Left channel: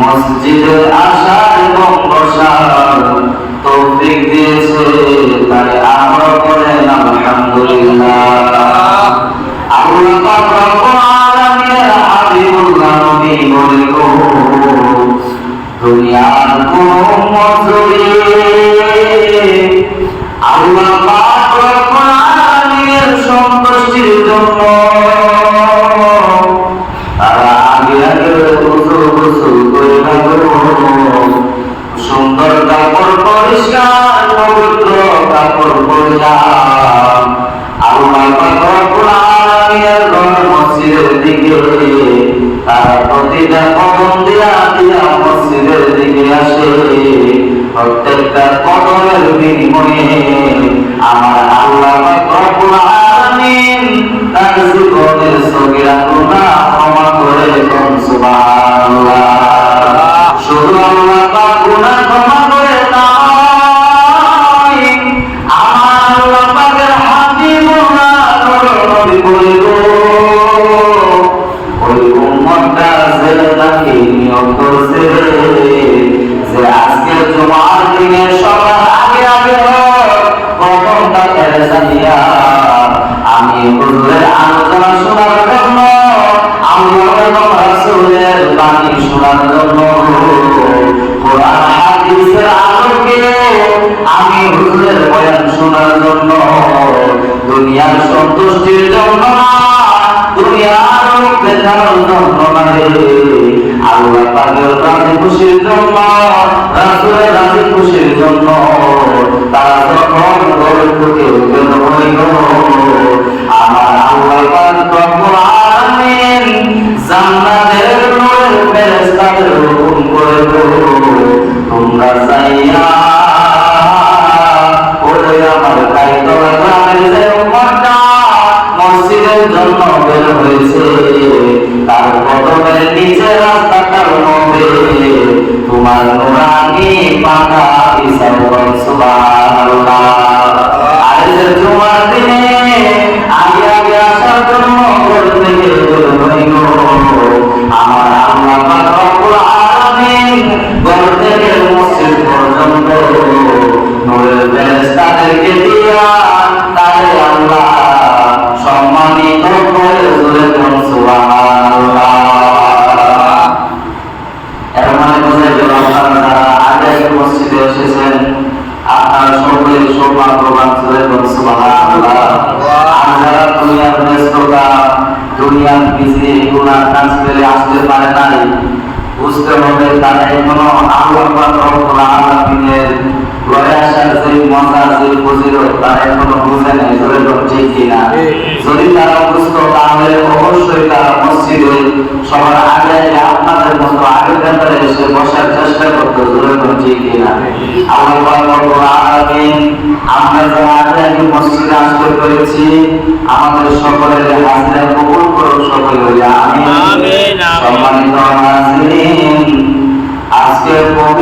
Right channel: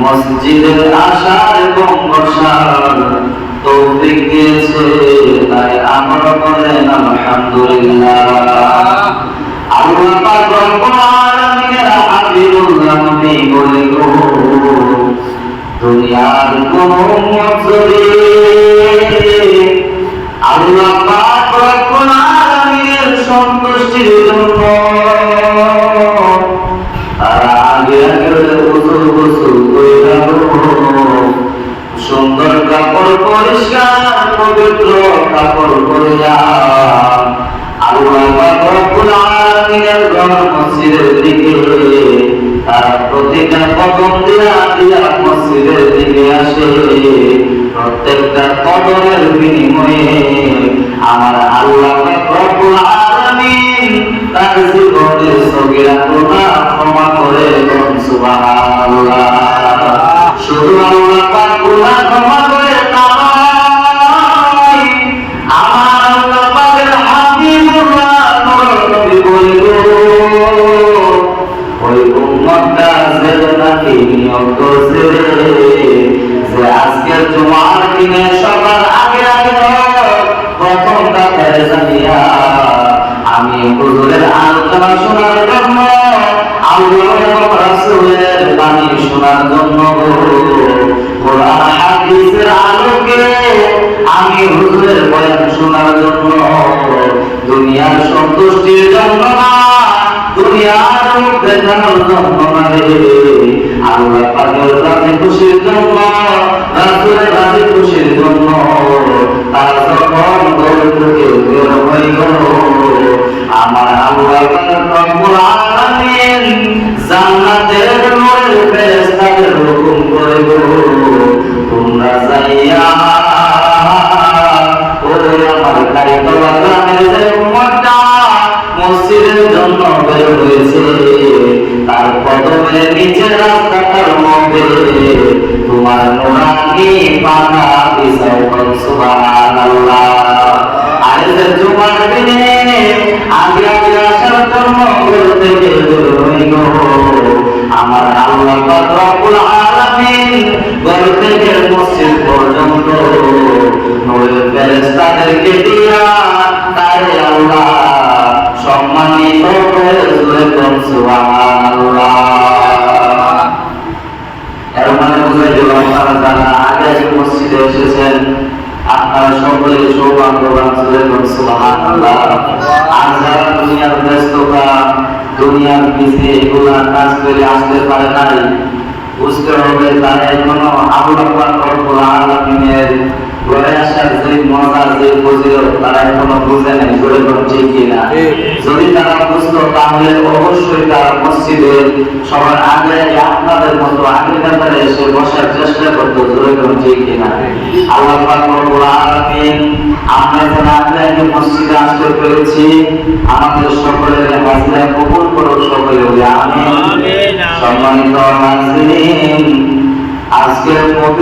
মসজিদে আসার এবং বসার তৌফিক দিয়েছে, তাই আমরা বলেন আলহামদুলিল্লাহ। আল্লাহ পাক রব্বুল আলামিনের হাবিবুল্লাহ নবী বলে গো, দুনিয়ার কোন মজুরি আল্লাহ পাক রব্বুল আলামিনের সন্তুষ্টির জন্য তারা আগে আগে গোসল করে সুন্দর কাপড় পরিষ্কার পবিত্র কাপড় পরলাম, আল্লাহ পাক রব্বুল আলামিনের ঘর মসজিদের দিকে তারা প্রতিটা কদম দিয়া দিয়া মসজিদের দিকে আসে। প্রত্যেকটা কদমের বিনিময়ে আমার আল্লাহ পাক রব্বুল আলামিন তার জীবনের সগীরা গুনাহ ক্ষমা করে দেন। সুবহানাল্লাহ। শুধু আল্লাহ পাক গুনাহ ক্ষমা করে নয়, আমার আল্লাহ পাকের হাবিবুল্লাহ নবী বলল, ওই উম্মতটা যেটাকে নিয়োগ করছে যে আজকের জুমার দিনে সবার আগে আগে প্রথম তাদের জানিয়া আমি হুজুরের আলোচনা শোনার জন্য, আল্লাহ এবং রাসূলের বাণী শোনার জন্য, কোরআন হাদিসের আলোকে আমি হুজুরের বয়ান শোনার জন্য, দুনিয়ার সন্তুষ্টির জন্য না, দুনিয়ার মুখ দেখানোর জন্য না রে, আল্লাহ পাকের রাজি খুশির জন্য, রাসূলের রাজি খুশির জন্য তারা যখন ঘরে ঢুকে বের হইল, আমার আল্লাহ পাক রব্বুল আলামিন জান্নাতের নূরের ফেরেশতাদের হুকুম করে গো, তোমরা যাইয়া ওই আমার গাইতলা গ্রামের যে উম্মতটা মসজিদের জন্য বের হয়েছে তার কদমের নিচে রাস্তাটার মধ্যে তোমার নুরানি পাতা বিছাও। সুবহানাল্লাহ। আজকের জুমার দিনে আগে আগে আসার জন্য ঘর থেকে বের হইল, আমার আল্লাহ পাক রব্বুল আলামিন ঘর থেকে মসজিদ পর্যন্ত নূরের ফেরেশতাদেরকে দিয়া তারে আল্লাহ সম্মানিত করে বলেন সুবহানাল্লাহ। এর মানে বুঝে গেল আপনারা আগে মসজিদে এসেছেন, আপনারা সকলে সৌভাগ্যবান বলেন সুবহানাল্লাহ। আমরা দুনিয়ার ব্যস্ততা, দুনিয়ার বিজি এগুলা কাজ করে আসতে পারে নাই, বুঝতে হবে তারা এখনো আল্লাহ পাক রব্বুল আলামিনের ঘরে আসার যে মজা, যে ফজিলত তারা এখনো বুঝে নাই। বলেন ঠিক কিনা? যদি তারা বুঝতো তাহলে অবশ্যই তারা মসজিদে সবার আগে আপনাদের মতো আগের ব্যাপারে এসে বসার চেষ্টা করতো। বলেন ঠিক কিনা? আল্লাহ পাক রব্বুল আলামিন আমরা যারা আগে মসজিদে আসতে পেরেছি আমাদের সকলের হাজিরা কবুল করুন সকলে। আমিন। সম্মানিত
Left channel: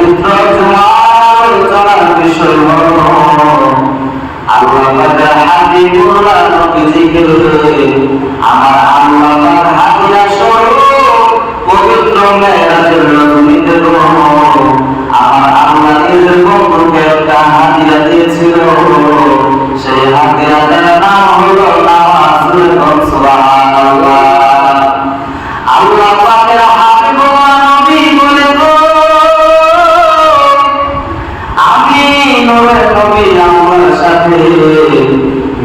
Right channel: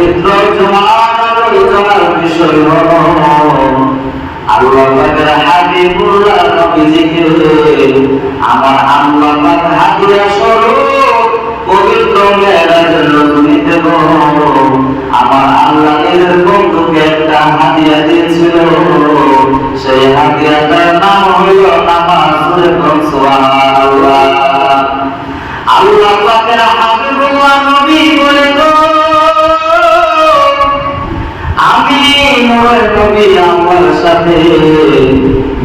পবিত্র আলোচনার বিষয় হলো আল্লাহ পাকের হাবিবুল্লাহ নবীজিকে আমার আল্লাহ পাক হাদিয়া স্বরূপ পবিত্র মেরাজের রাতে আমার আল্লাহ নিজের বন্ধুকে একটা হাদিয়া দিয়েছিল। সেই হাদিয়াটার নাম হলো নামাজ। সুবহানাল্লাহ। আল্লাহ পাকের হাবিবুল্লাহ নবী বলে গো, আমি নূরের নবী আমার সাথে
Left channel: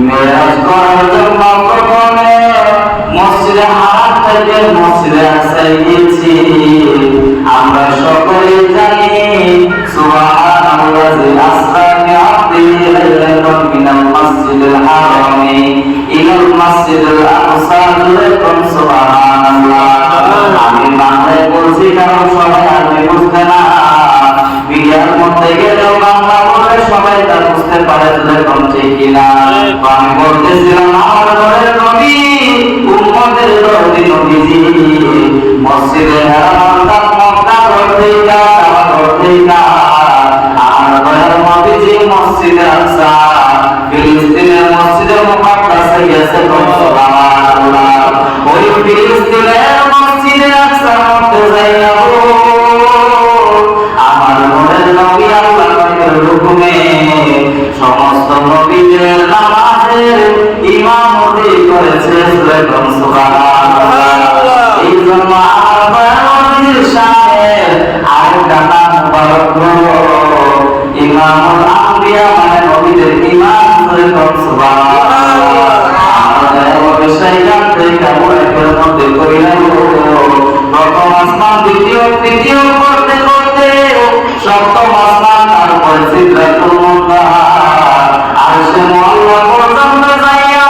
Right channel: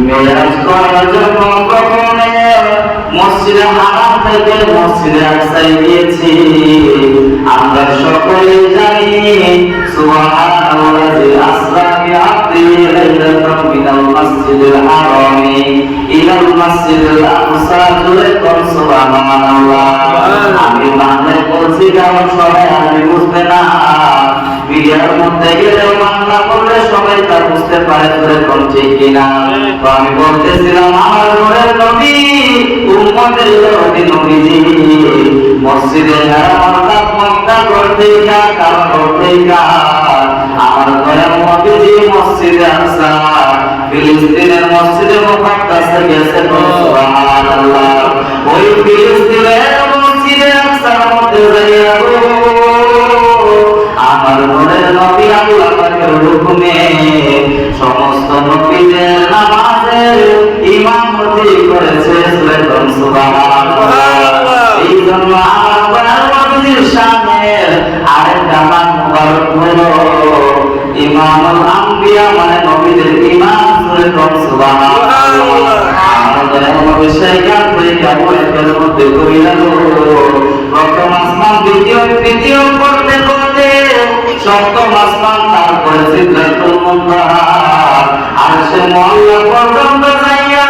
মেরাজ করার জন্য কখনো মসজিদে হারাম থেকে মসজিদে আকসায় গিয়েছি। আমরা সকলে জানি সুবহানাল্লাযী আসরা বিআবদিহি লাইলাতান মিনাল মাসজিদিল হারামি ইলাল মাসজিদিল আকসা। সুবহানাল্লাহ। আমি বাংলায় বলছি কারণ সবাই আরবি বুঝবে না। বিয়ার মধ্যে গেলেও বাংলা বলে সবাই তা বুঝতে পারে, এরকম ঠিক কিনা? তো আমি বলতেছিলাম আমার ঘরের নবী উম্মতের নবী নবীজি মসজিদে হারাম মক্কা করতে আমার ঘরের নবীজি মসজিদে আকসা ফিলিস্তিনের মসজিদে মুকাদ্দাসে গেছে। সুবহানাল্লাহ। ওই ফিলিস্তিনের মসজিদে আকসার মধ্যে যাইয়া আমার ঘরের নবী আল্লাহ পাকের হুকুমে সমস্ত নবীদের নামাজের ইমামতি করেছে। সুবহানাল্লাহ। এই জন্য আমার ঘরের নবীর শানের আরেকটা নাম মুবারক হলো ইমামুল আম্বিয়া, মানে নবীদের ইমাম। সুবহানাল্লাহ। আমাদের অবশ্যই কাঁদতে কাবুলের মধ্যে করিলাম প্রথম আসমান দ্বিতীয় করতে করতে সপ্তম আসমান, তারপরে সিদরাতুল মুনতাহা আরশে মুআল্লা পর্যন্ত যাইয়া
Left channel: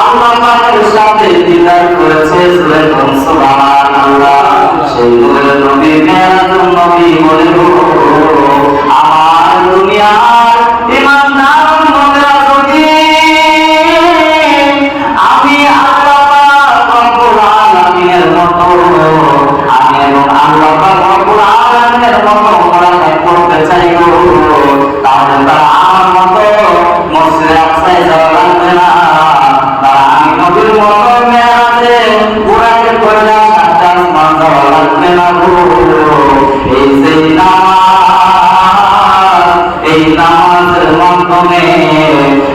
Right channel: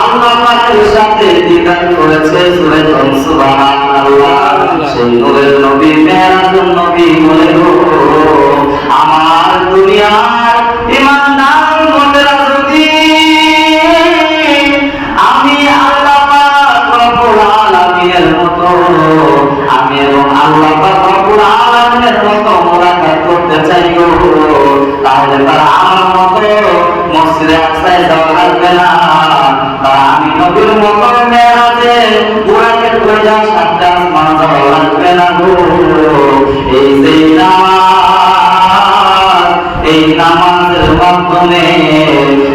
আল্লাহ পাকের সাথে দিদার করেছে। সুবহানাল্লাহ। সেই নূরের নবী মেরাজুন নবী বলে আমার দুনিয়ার ইমানদার উম্মতেরা যদি আমি আল্লাহ পাক রব্বুল আলামিনের মতো আমি এবং আল্লাহ পাক রব্বুল আলামিনের মতো মুরাকাত করতে চাইবো, তাহলে তারা আমার মতো মসজিদে আকসায় যাওয়া লাগবে না। তারা আমি নবীর মতো মেরাজে বুরাকে করে যাওয়া সাতটা আসমান যাওয়া লাগবে না গো। এই যে এই নামাজের মাধ্যমে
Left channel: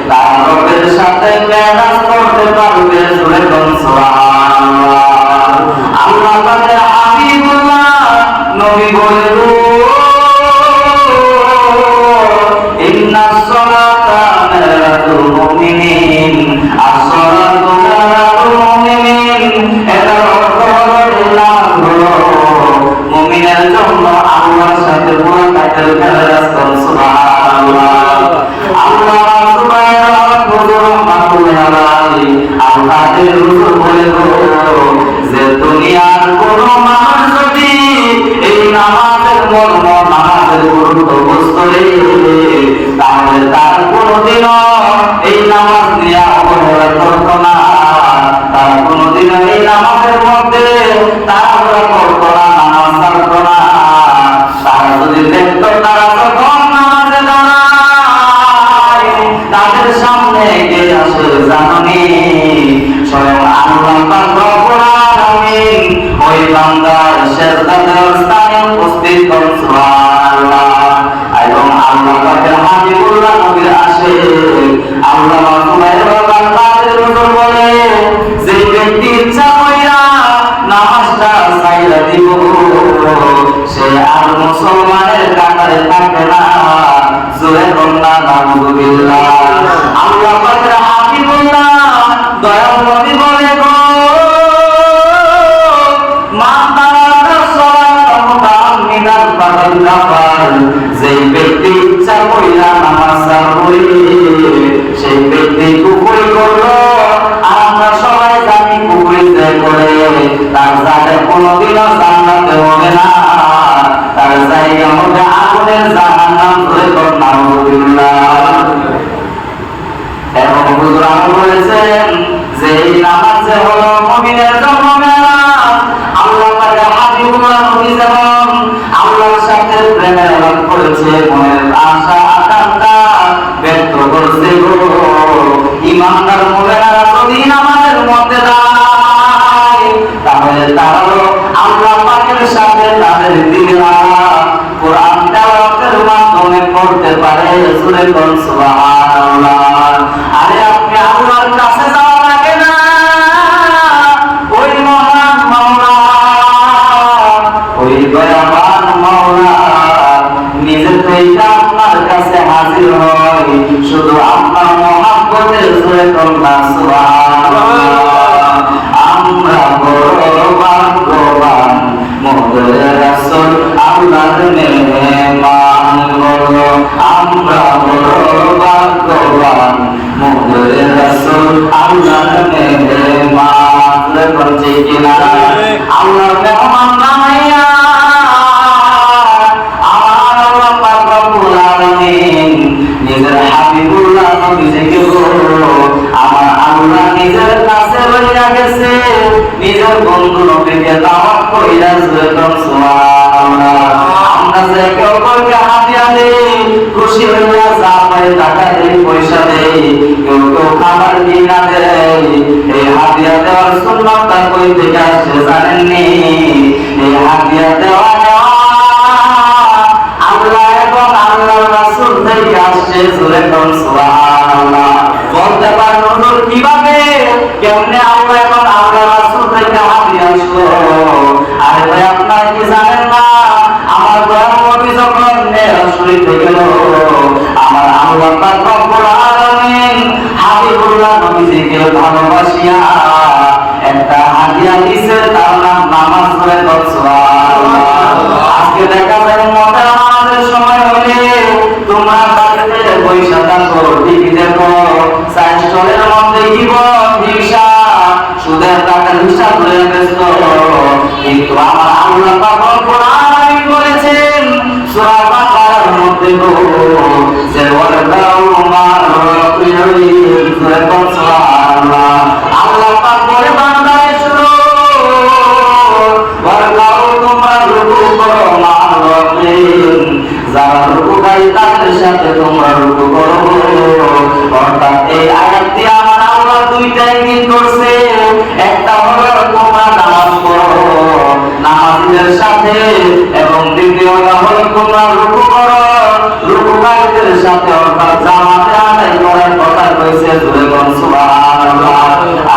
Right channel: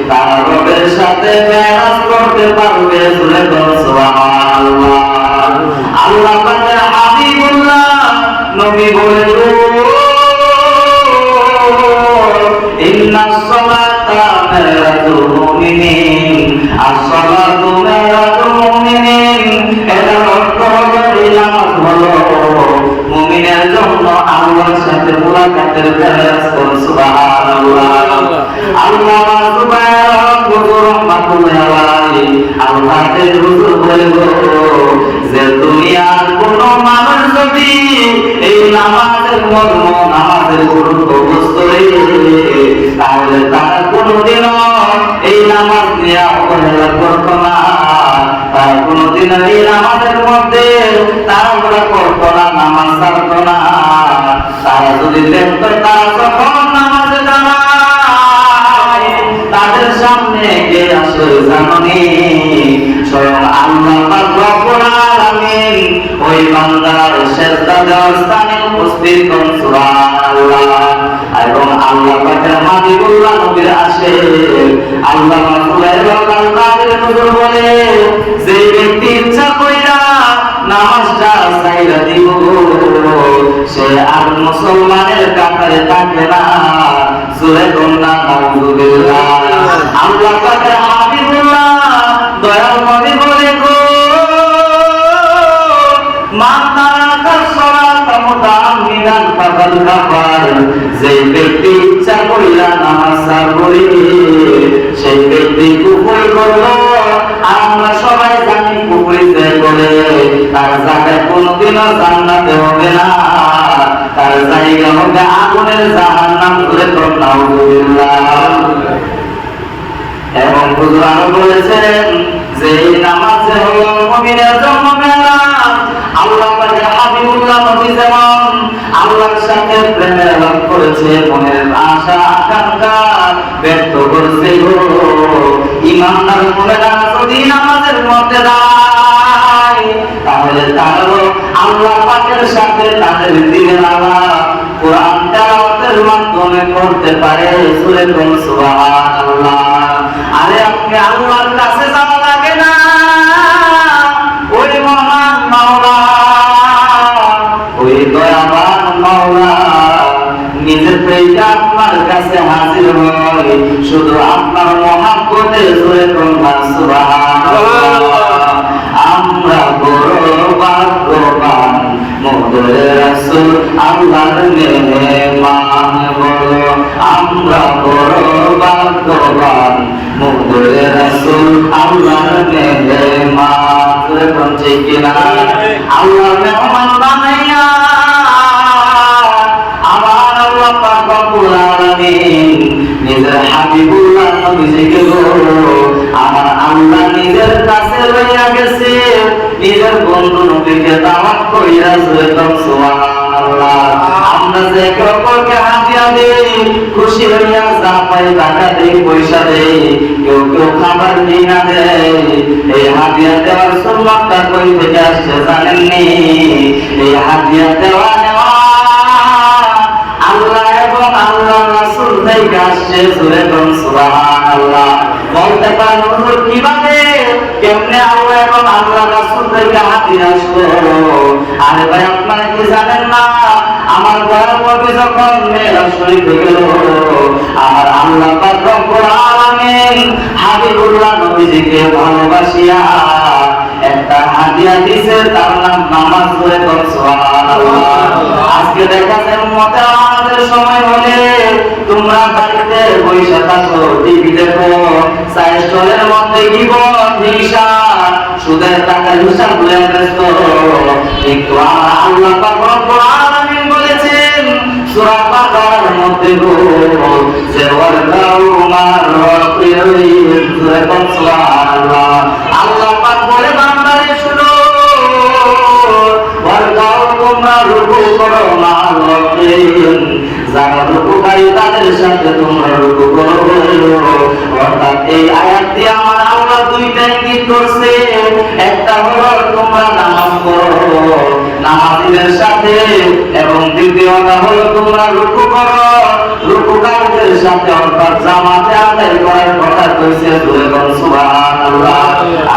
তারা রবের সাথে মেরাজ করতে পারবে। সুবহানাল্লাহ। আল্লাহ পাকের হাবিবুল্লাহ নবী বলে ইন্নাস সালাতা মিনাল মুমিনিন, as-সালাতু মিনাল মুমিনিন। এটা অর্থ হলো মুমিনের জন্য আল্লাহর সাথে মুলাকাতের মেরাজ। সুবহানাল্লাহ। আল্লাহ আল্লাহের হুজুর বলে যে দুনিয়ার কোন মানুষ যদি এই নামাজের মর্ম নামাজের গুরুত্ব বুঝতে তাহলে তার কোনদিনও এই নামাজ নিয়ে অবহেলা করতো না। তার কোনদিনও এই নামাজের মধ্যে তাড়াহুড়া করতো না, নামাজ ছাড়তো না। তারা যদি দেখতো তারা তখন নামাজে দাঁড়ায়, তাদের সামনে এগিয়ে আসে জানি স্বয়ং আল্লাহ পাক রব্বুল আলামিন ওই বান্দার সিজদা দেওয়ার স্থানে উপস্থিত হন। সুবহানাল্লাহ। এবং আল্লাহ পাকের হাবিবুল্লাহ নবীর আসে আল্লাহ তাআলার হুজুর বলে যে ব্যক্তি ইচ্ছা কইরা নামাজটা ছাইরা দিব সে আর মুসলমানের কাতারে থাকে না। জোরে বলনা নাউযুবিল্লাহ। আল্লাহ পাকের হাবিবুল্লাহ দয়াল নবী বলে গো মান তারাকা সালাতা মুতাআম্মিদান ফাকাদ কাফার। যে ব্যক্তি ইচ্ছা কইরা নামাজ ছাড়বে সেই ব্যক্তি কুফর করলো। আর আমরা সবাই জানি কুফর যে করে তার জায়গা কোনোদিনও জান্নাতে হবে না, তার জায়গা হবে আগুনের জাহান্নাম। ধরে তো নাউযুবিল্লাহ। এবং হুজুর বলেছেন যে এই নামাজ যে হলো মুমিনের জন্য মেরাজ। আল্লাহ পাকের হাবিবুল্লাহ নবী যেমন আল্লাহর সাথে প্রেমে তাহলে তারাও আল্লাহ পাকের সাথে তাদের দিনের আলাপ কোরআন তেলাওয়াতের মাধ্যমে করতে পারে। সূরা সুবহানাল্লাহ। আরে আপনি আল্লাহর কাছে যাওয়া লাগে না, ওই মহান মাওলা, ওই দয়াবান মাওলা নিজে থেকে আপনার কাছে হাজির হয় শুধু আপনার মহব্বতে। সূরা সুবহানাল্লাহ। আমরা বড় ভাগ্যবান মোদের রাসূল আল্লাহর মেহমান। বলো আমরা বড় ভাগ্যবান মোদের রাসূল আল্লাহর মেহমান। বলছে কিনা আল্লাহর মেহমান বানাইয়া আমার আল্লাহ পাক রব্বুল আলামিন নিজের হাবিবুল্লাহ নবীকে আমার আল্লাহ নিজের কাছে লইয়া গেছে, নিজের বন্ধু নবীকে দাওয়াত কইরা। সুবহানাল্লাহ। আমরা যে কেউ কাউকে হাদিয়া দেই, খুশি হইয়া যা পাই টাকা দেই, পয়সা দেই, কেউ কেউ খাবার কিনা দেয়। এই হাদিয়া দেওয়ার সুন্নতটা কই থেকে আসছে জানেননি? এই হাদিয়া দেওয়া নেওয়া আল্লাহ এবং আল্লাহর রাসূল থেকে আসছে। সুবহানাল্লাহ। বলতে পারেন হুজুর কিভাবে, কেমনে আল্লাহ এবং আল্লাহর রাসূল থেকে হাদিয়া আসলো? আরে ভাই আপনারা কি জানেন না, আমার দয়াল নবী যখন মেরাজ শরীফে গেল, আমার আল্লাহ পাক রব্বুল আলামিন হাবিবুল্লাহ নবীজিকে ভালোবাসিয়া একটা হাদিয়া দিয়েছে, তার নাম নামাজ। সুবহানাল্লাহ। আজকে দেখা যায় উম্মতের নামাজের সময় হলে তোমরা বাড়িতে বসে থাকো, টিভি দেখো, সাইড স্টলের মধ্যে গিবত, হিংসা, সুদের টাকার হিসাব করে ব্যস্ত। কিন্তু আমার আল্লাহ পাক রব্বুল আলামিন বলেছেন সূরা বাকারার মধ্যে যে ওয়ারকাউ মার রাব্বিহিম। সুবহানাল্লাহ। আল্লাহ পাক বলে বান্দারে শুনো, ওয়ারকাউ তোমরা রুকু করো মার রাব্বিহিম, যারা রুকুকারী তাদের সাথে তোমরা রুকু করো। অর্থাৎ এই আয়াত দিয়ে আমার আল্লাহ দুইটা ইঙ্গিত করছে, একটা হলো তোমরা নামাজ পড়ো নামাজীদের সাথে, এবং দ্বিতীয়টা হলো তোমরা রুকু করো রুকুকারীদের সাথে, অর্থাৎ জামাতে আদায় করার কথা কইছে। সুবহানাল্লাহ।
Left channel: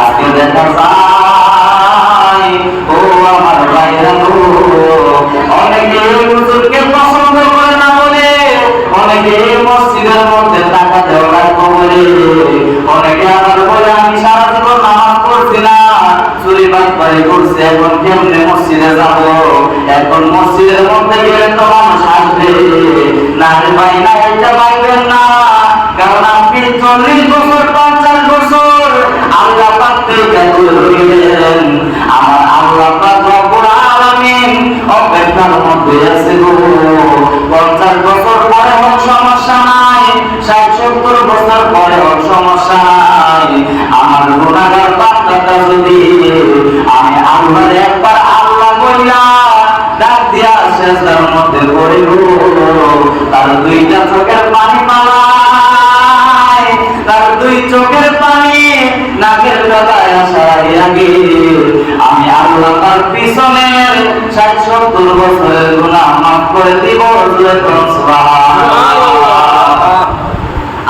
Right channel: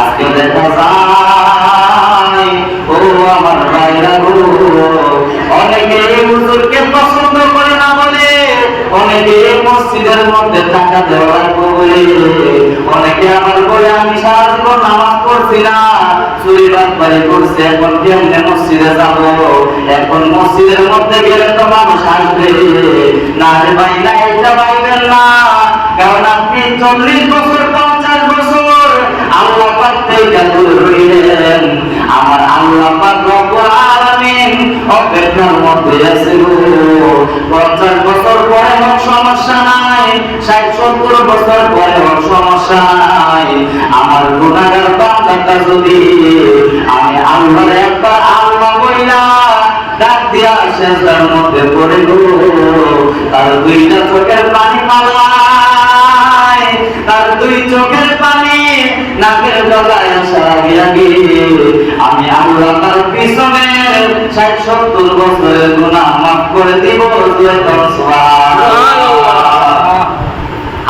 আজকে দেখা যায় ও আমার ভাইরা, অনেকে হুজুরকে পছন্দ করে না বলে, অনেকে মসজিদের মধ্যে টাকা দেওয়া রাখবো বলে, অনেকে আবার বলে আমি সারা জীবন নামাজ পড়ছি না, চুরি বাটপারি করছে, এখন কেমনে মসজিদে যাব? এখন মসজিদের মধ্যে গেলে তো মানুষ আসবে না। রে ভাই না, এটা পাইবেন না, কারণ আপনি 40 বছর 50 বছর আল্লাহ পাক থেকে দূরে রইলেন। আমার আল্লাহ পাক রব্বুল আলামিন অপেক্ষার মধ্যে আছে গো। 50 বছর পরে হোক সমস্যা নাই, 60-70 বছর পরে হোক সমস্যা নাই। আমার গুনাহগার বান্দাটা যদি আমি আল্লাহর একবার আল্লাহ বইলা ডাক দিয়া সেজদার মধ্যে পড়ে গো, তার দুইটা চোখের পানি পালায়, তার দুই চোখের পানি নাকের ডগায় আসার আগে আমি আল্লাহ তার পিছনের 60-70 বছরের গুনাহ মাফ করে দিব। সুবহানাল্লাহ।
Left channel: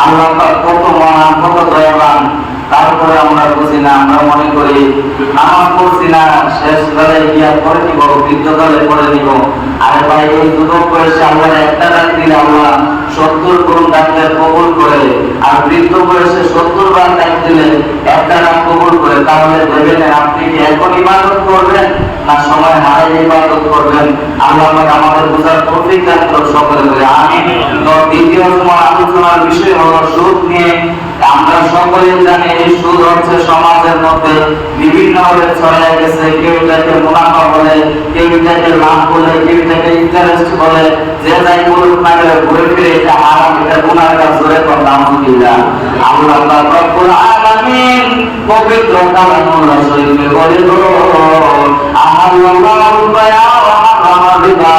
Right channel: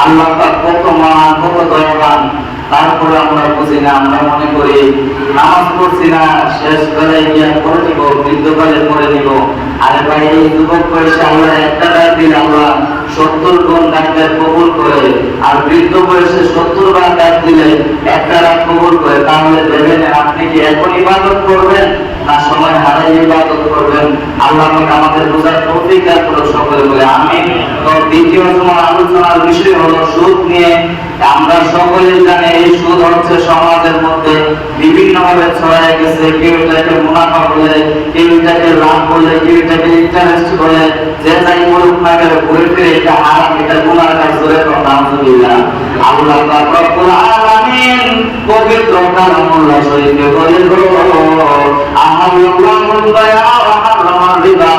আল্লাহ পাক কত মহান, কত দয়াবান, তারপরে আমরা বুঝি না। আমরা মনে করি নামাজ পড়ছি না, শেষ বেলায় গিয়া পড়ে নিব, বৃদ্ধকালে পড়ে নিব। আরে ভাই, এই যুবক বয়সে আল্লাহ একটা ডাক দিলে আল্লাহ 70 গুণ ডাকলে কবুল করে, আর বৃদ্ধ বয়সে 70 বার ডাক দিলে একটা ডাক কবুল করে। তাহলে দেবেন আপনি কি এখন ইবাদত করবেন না সময় হারাই ইবাদত করবেন? আল্লাহ আমাদের বোঝার তৌফিক দান করুন সকলে বলে আমিন। তো দ্বিতীয় আলোচনার বিষয় হলো সুদ নিয়ে। আমরা সকলে জানি এই সুদ হচ্ছে সমাজের মধ্যে বিভিন্ন ভাবে ছড়ায় গেছে। কেউ এটাকে মুনাফা বলে, কেউ এটাকে লাভ বলে, কেউ এটাকে ইন্টারেস্ট বলে। যে যাই বলুক না কেন, ঘুরে ফিরে এটা হারাম, এটা গুনাহ কাজ। জোরে কোন নাউযুবিল্লাহ। আল্লাহ পাক রব্বুল আলামিন পবিত্র কালামুল্লাহ শরীফে বলে গো, আল্লাহুল বায়া ওয়া হারামাল রিবা।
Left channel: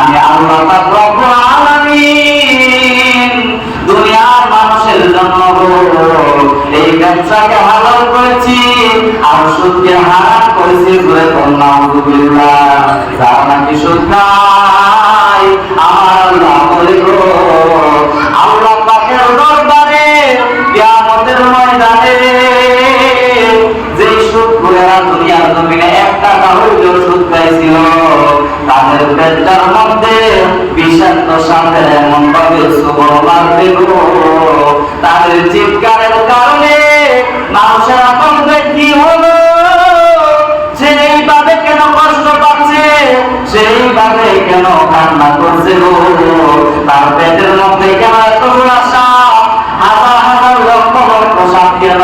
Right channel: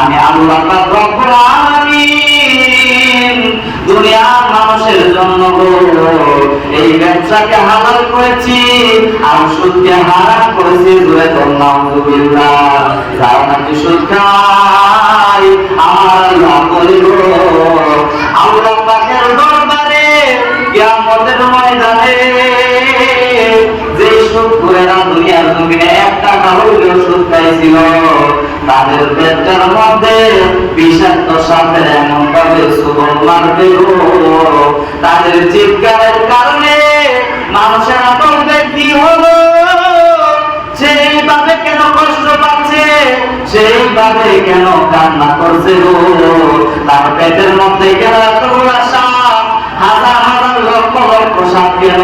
আমি আল্লাহ পাক রব্বুল আলামিন দুনিয়ার মানুষের জন্য এই ব্যবসাকে হালাল করেছি আর সুদকে হারাম করেছি। জোরে কোন নাউযুবিল্লাহ। যারা নাকি সুদ খায় আমার আল্লাহ বলে গো আল্লাহ পাকের দরবারে কিয়ামতের ময়দানে যে সুদ করেরা দুনিয়ার জমিনে এক টাকা হইলেও সুদ খাইছিল তাদের পেটটার মধ্যে বিষাক্ত সাপের এমন ভাবে সুবর মারবে গো তাদের চিৎকারের কারণে মানুষের আপনদের কি হলো সেইভাবে কেন কষ্ট পাচ্ছে সেইভাবে কেন কান্না করছে গো তার পেটের মধ্যে কেন এতগুলা সাপ হাজার হাজার লক্ষ লক্ষ সাপ কেন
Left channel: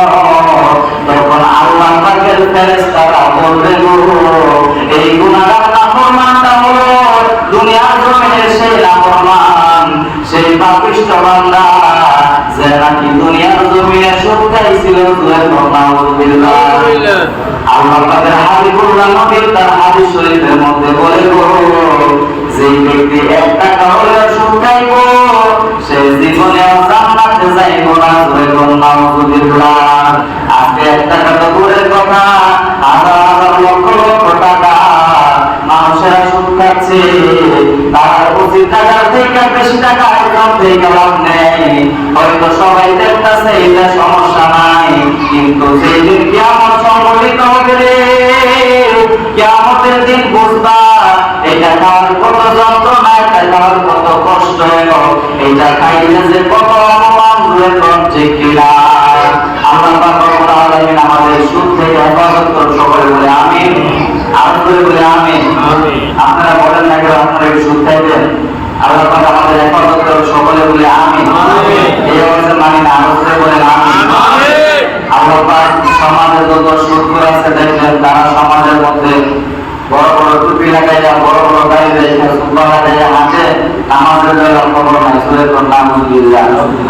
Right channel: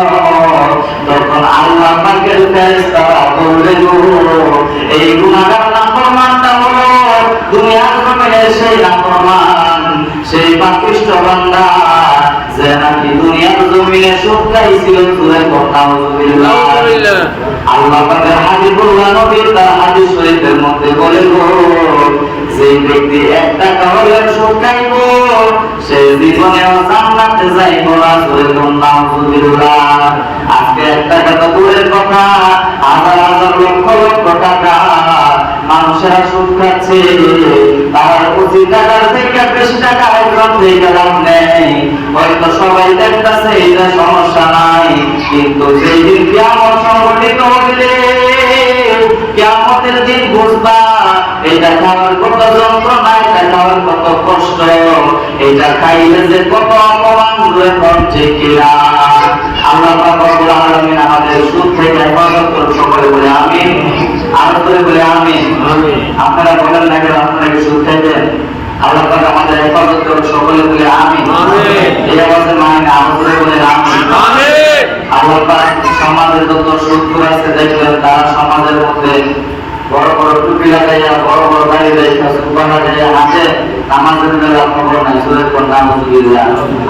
তখন আল্লাহ পাকের ফেরেশতারা বলবে গো এই গুনাহগার নাফরমানটা হলো দুনিয়ার জমিনে সেই নাফরমান সেই পাপিষ্ঠ বান্দা যে নাকি দুনিয়ার জমিনে সুদ খাইছিল সুরে নাউযুবিল্লাহ। আল্লাহ পাকের হাবিবুল্লাহ নবী তার হাদিস শরীফের মধ্যে বলে গো যে ব্যক্তি একটা কারণে সুদ খাইব সে জীবনেও জান্নাতে যাইব না সুরে নাউযুবিল্লাহ। আজকে একটা কথা দূরের কথা হাজার হাজার লক্ষ লক্ষ টাকা মানুষেরা সুদ খাচ্ছে তার উচিত টাকার থেকে বেশি টাকা একদম থেকে লাভ নেই হয়তো সবাই দেখতেছে এটা সমস্যা নাই কিন্তু সেই দিন কিয়ামত সংঘটিত হবে রে কিয়ামতের দিন বুঝবা এটা খাওয়ার কত যন্ত্রণা এটা খাওয়ার কত কষ্ট এটা খাইলে যে কত অপমান হয়ে পড়ছে কিনা আল্লাহ পাক রব্বুল আলামিন আমাদের সুদ থেকে হেফাজত করুন সকলে বলে আমিন আর করে বলে আমিন। আপনারা বলেন না কেন আপনারা কি সুদ খাইবেন আল্লাহ পাক আমাদের হেফাজত করুন সকলে বলে আমিন এই আওয়াজে মানে না আর করে বলে আমিন। আল্লাহ পাক সমাজে যত সুদখোর আছে দেখবেন তারা সমাজের মধ্যে বড় বড় টুপি লাগাইয়া বড় বড় দাড়ি রেখে সুবহান লাগাইয়া হাতে নামাজের বেলা খবর নাই সুরে নাউযুবিল্লাহ।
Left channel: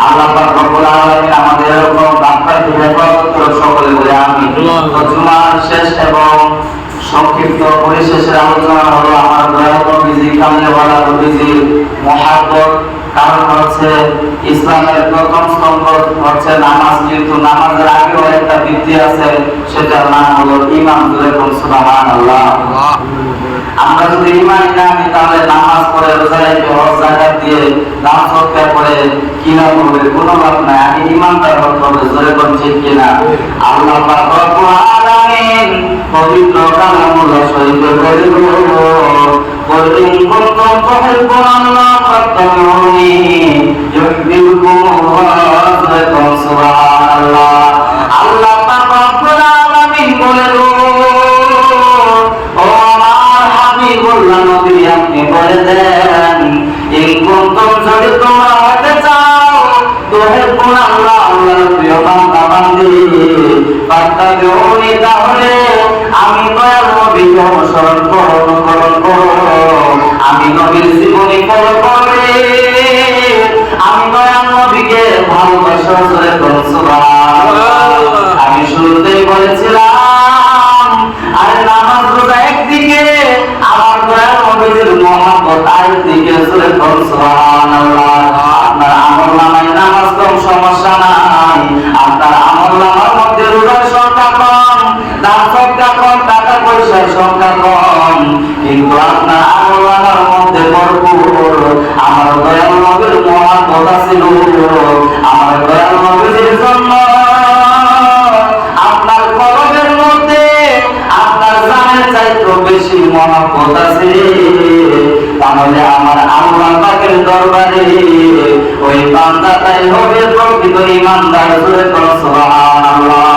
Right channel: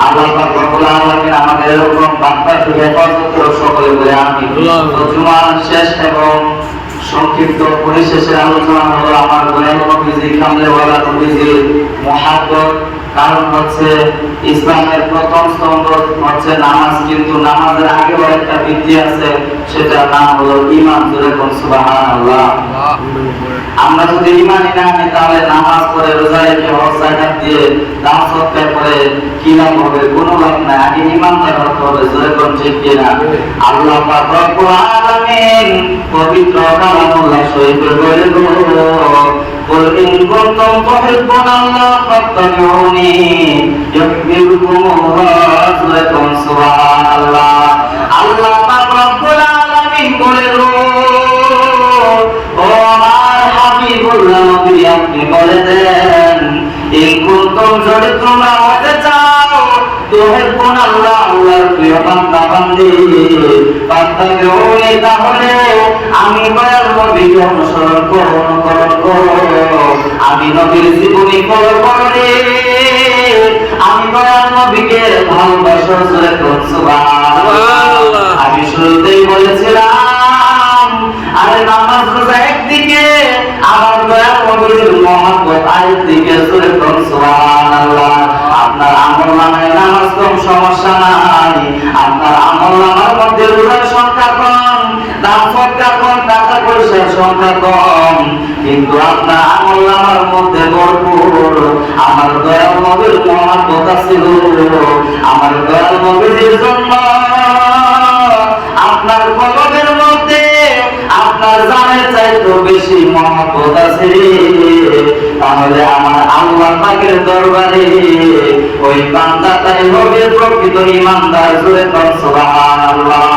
আল্লাহ পাক রব্বুল আলামিন আমাদের এরকম বাপ্পা থেকে হেফাজত করে সকলে বলে আমিন। তো জুমার শেষ এবং সংক্ষিপ্ত পরিশেষের আলোচনা হলো আমার দয়াল নবীজি কামলেওয়ালা নবীজির মহাব্বত কারণ হচ্ছে ইসলামের প্রথম স্তম্ভ হচ্ছে নামাজ কিন্তু নামাজের আগেও একটা ভিত্তি আছে সেটার নাম হলো ঈমান জোরে কোন সুবহানাল্লাহ। আমরা যদি ঈমান না আনি তাহলে নামাজ পড়ে রোজা রেখে হজ যাকাত দিয়ে দান সদকা করে কি লাভ হবে কোনো লাভ নাই আগে ঈমানদার হতে হবে জোরে কোন ঠিক কি না। আল্লাহ পাক রব্বুল আলামিন পবিত্র কালামুল্লাহ শরীফে বলে গো قل إن كنتم تحبون الله فاتبعوني يحببكم الله سبحان الله। আল্লাহ পাক রব্বুল আলামিন বলে গো ও আমার হাবিবুল্লাহ নবী আপনি বলে দেন ইন কুনতুম যদি তোমরা হতে চাও তুহিব্বুন আল্লাহ আল্লাহর প্রিয় বান্দা বান্দি ফাত্তাবিউনি তাহলে আমি দয়াল নবীকে অনুসরণ করো আমি নবীর জীবনী ফলো করে আমি দয়াল নবীকে ভালোবাসা জোরে বলুন সুবহানাল্লাহ। আমি শুরুতে বলেছিলাম আরে নামাজ রোজা একদিকে আমার দয়াল নবীর মহব্বত আরেকদিকে জোরে বলুন সুবহানাল্লাহ। আপনার আমল নামায় নামাজ কম সমস্যা নাই আপনার আমল নামার মধ্যে রোজার সংখ্যা কম দান সদকা কম টাকা পয়সার সংখ্যা কম কিন্তু আপনার আমল নামার মধ্যে ভরপুর আমার দয়াল নবীর মহব্বত ছিল আমার দয়াল নবীর জন্য আপনার কলবের মধ্যে আপনার জানের চাইতে বেশি মহব্বত আছে তাহলে আমার আল্লাহ পাকের দরবারে ওই বান্দাটাই হবে প্রকৃত ঈমানদার জোরে বলো সুবহানাল্লাহ।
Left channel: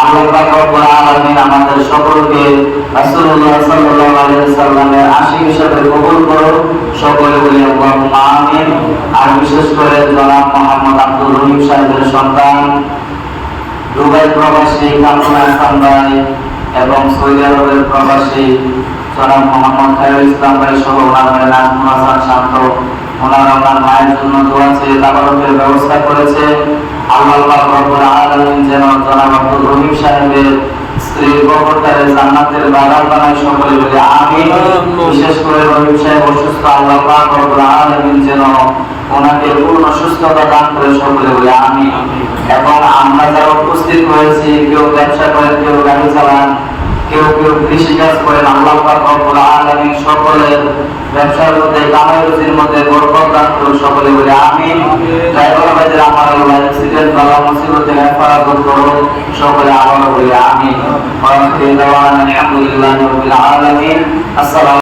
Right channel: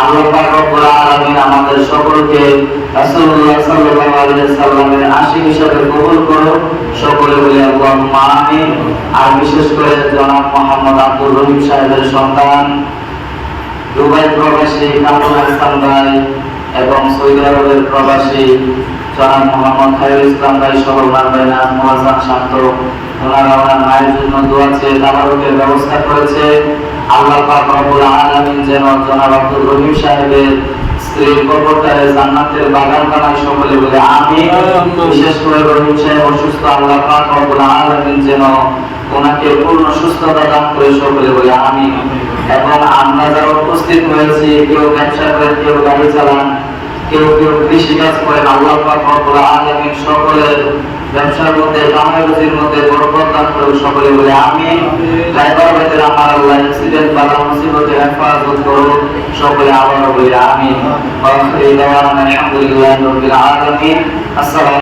আল্লাহ পাক রব্বুল আলামিন আমাদের সকলকে রাসূলুল্লাহ সাল্লাল্লাহু আলাইহি ওয়াসাল্লামের আশিক হিসেবে কবুল করো সকলে বলে আল্লাহুম্মা আমিন। আর বিশেষ করে জনাব মোহাম্মদ আব্দুল রহিম সাহেবের সন্তান দুবাই প্রবাসী কামরুল হাসান ভাই এবং সৌদি আরবের প্রবাসী জনাব মোহাম্মদ খায়রুল ইসলাম ভাই সহ ওনাদের নাম হাসান শান্ত ওনারা আমার মায়ের জন্য দোয়া চেয়ে তাবারকের ব্যবস্থা করেছে। আল্লাহ পাক রব্বুল আলামিন যেন জনাব আব্দুল রহিম সাহেবের স্ত্রীর কবরটারে জান্নাতের বাগান বানায় সকলে বলে আমিন। বিশেষ করে রহিম সাহেব অসুস্থ আল্লাহ পাক রব্বুল আলামিন যেন ওনাকে পূর্ণ সুস্থতা দান করে সকলে বলে আমিন। এবং আমরা যারা উপস্থিত হয়েছি কেউ ব্যবসা করেন কেউ গাড়ি চালান কেউ কেউ কৃষি কাজ করেন, আল্লাহ পাক রব্বুল আলামিন সকলের ব্যবসার মধ্যে কামাই রুজির মধ্যে বরকত দান করুন, সকলে বলে আমিন। ড্রাইভার ভাইদের আমার আল্লাহ অ্যাক্সিডেন্ট বালা মুসিবত থেকে হেফাজত করুন, সকলে আবার বলে আমিন। ওয়া আখিরু দাওয়ানা আলহামদুলিল্লাহি রাব্বিল আলামিন। আসসালামু